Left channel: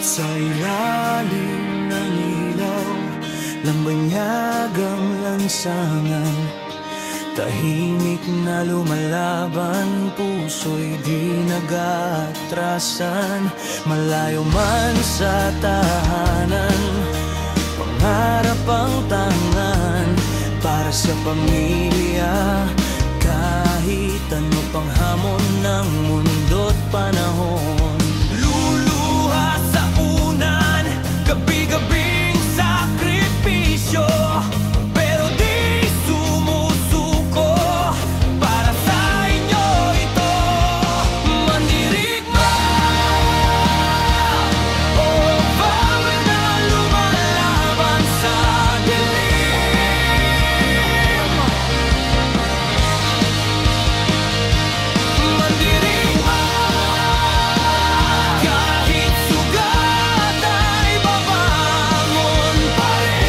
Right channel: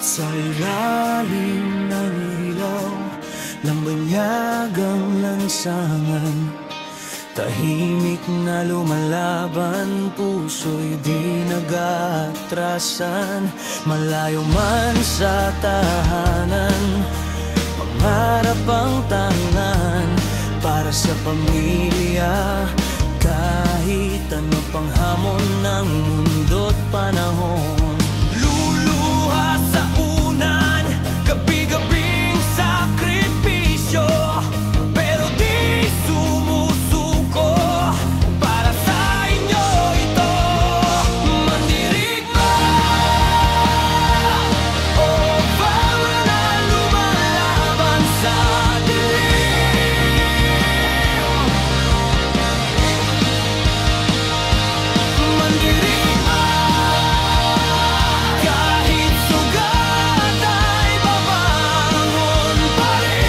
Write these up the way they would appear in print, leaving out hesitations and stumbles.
Sa ilalim ng ilaw, lambanyagang lansangan, tahimik na lumalaban, puso'y di nag-aatrasan. Malayo man sa tahanan, pangarap ang tangan para sa pamilya. Kahit ano pang hamon ng mundo't panahon, luluha sa unan, gabi-gabing sakripisyo, pero di sumusuko. Para sa inyo ito, mandirigma o bawal na lumalaban sa dilim. Mandirigma, kahit sugat ay babangon pa rin.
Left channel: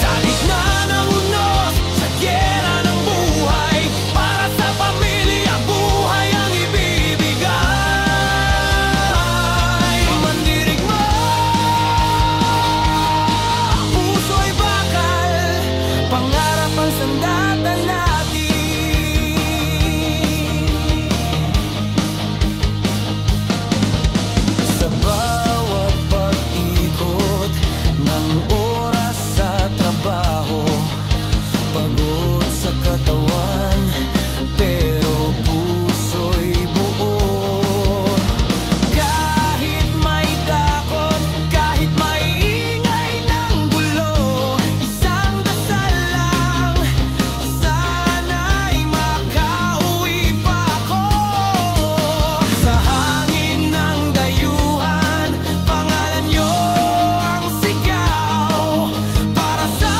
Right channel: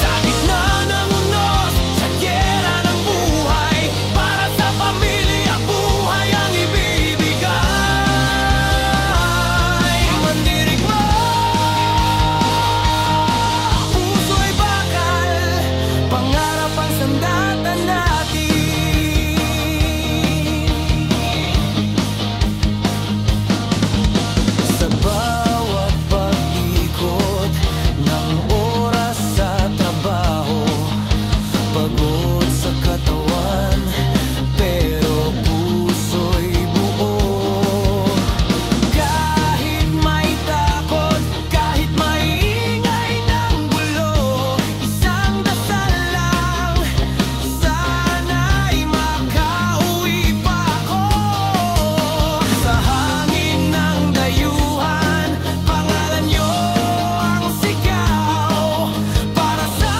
Sa gitna ng unos, sa gyera ng buhay, para sa pamilya, buhay ang ibibigay. Mandirigma, puso'y bakal, pangarap ang sandata natin. Sa bawat pag-ikot ng oras sa trabaho, pagod sa katawan, pero puso'y buo. Kahit may takot, kahit may ingay ng gulo, isang dasal lang, sana'y makauwi pa ako. Sa hangin ng dayuhan, pangalan niyo ang sigaw. Para sa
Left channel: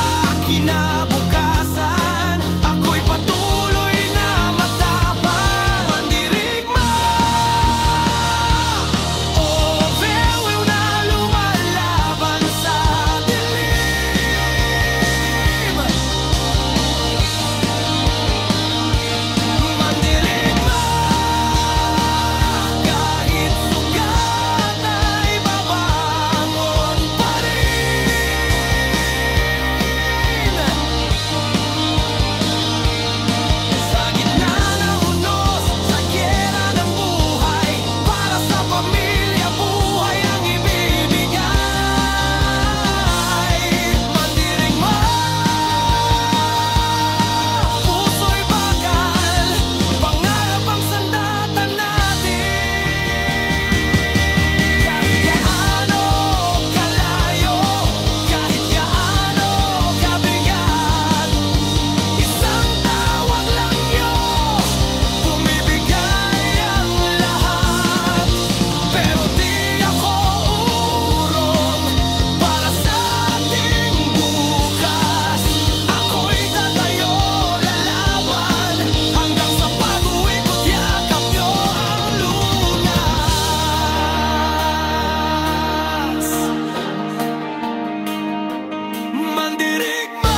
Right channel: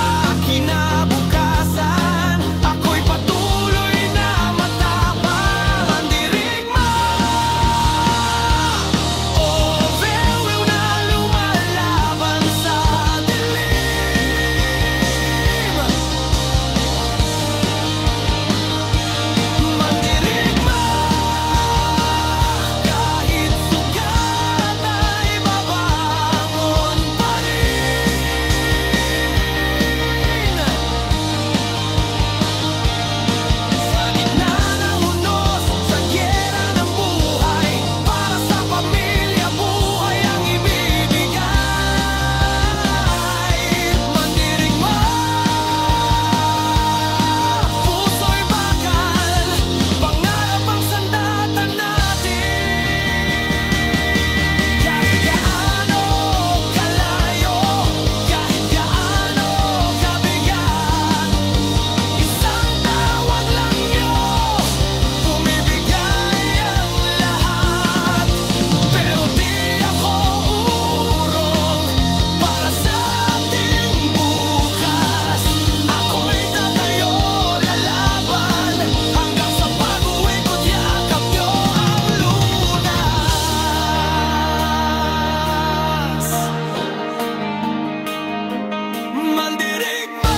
kinabukasan, ako'y patuloy na matapang. Mandirigma o bawal na lumalaban sa dilim. Mandirigma, kahit sugat ay babangon pa rin. Sa gitna ng unos, sa gyera ng buhay, para sa pamilya, buhay ang ibibigay. Mandirigma, puso'y bakal, pangarap ang sandata natin. Kahit gaano kalayo, kahit gaano kabigat, isang tawag lang niyo, bumibigay ang lahat. Pero di ako urong para sa ating bukas. Ako'y tatayo, lalaban, hanggang sa pag-uwi ko't yakap niyo ang lunas. Mandirigma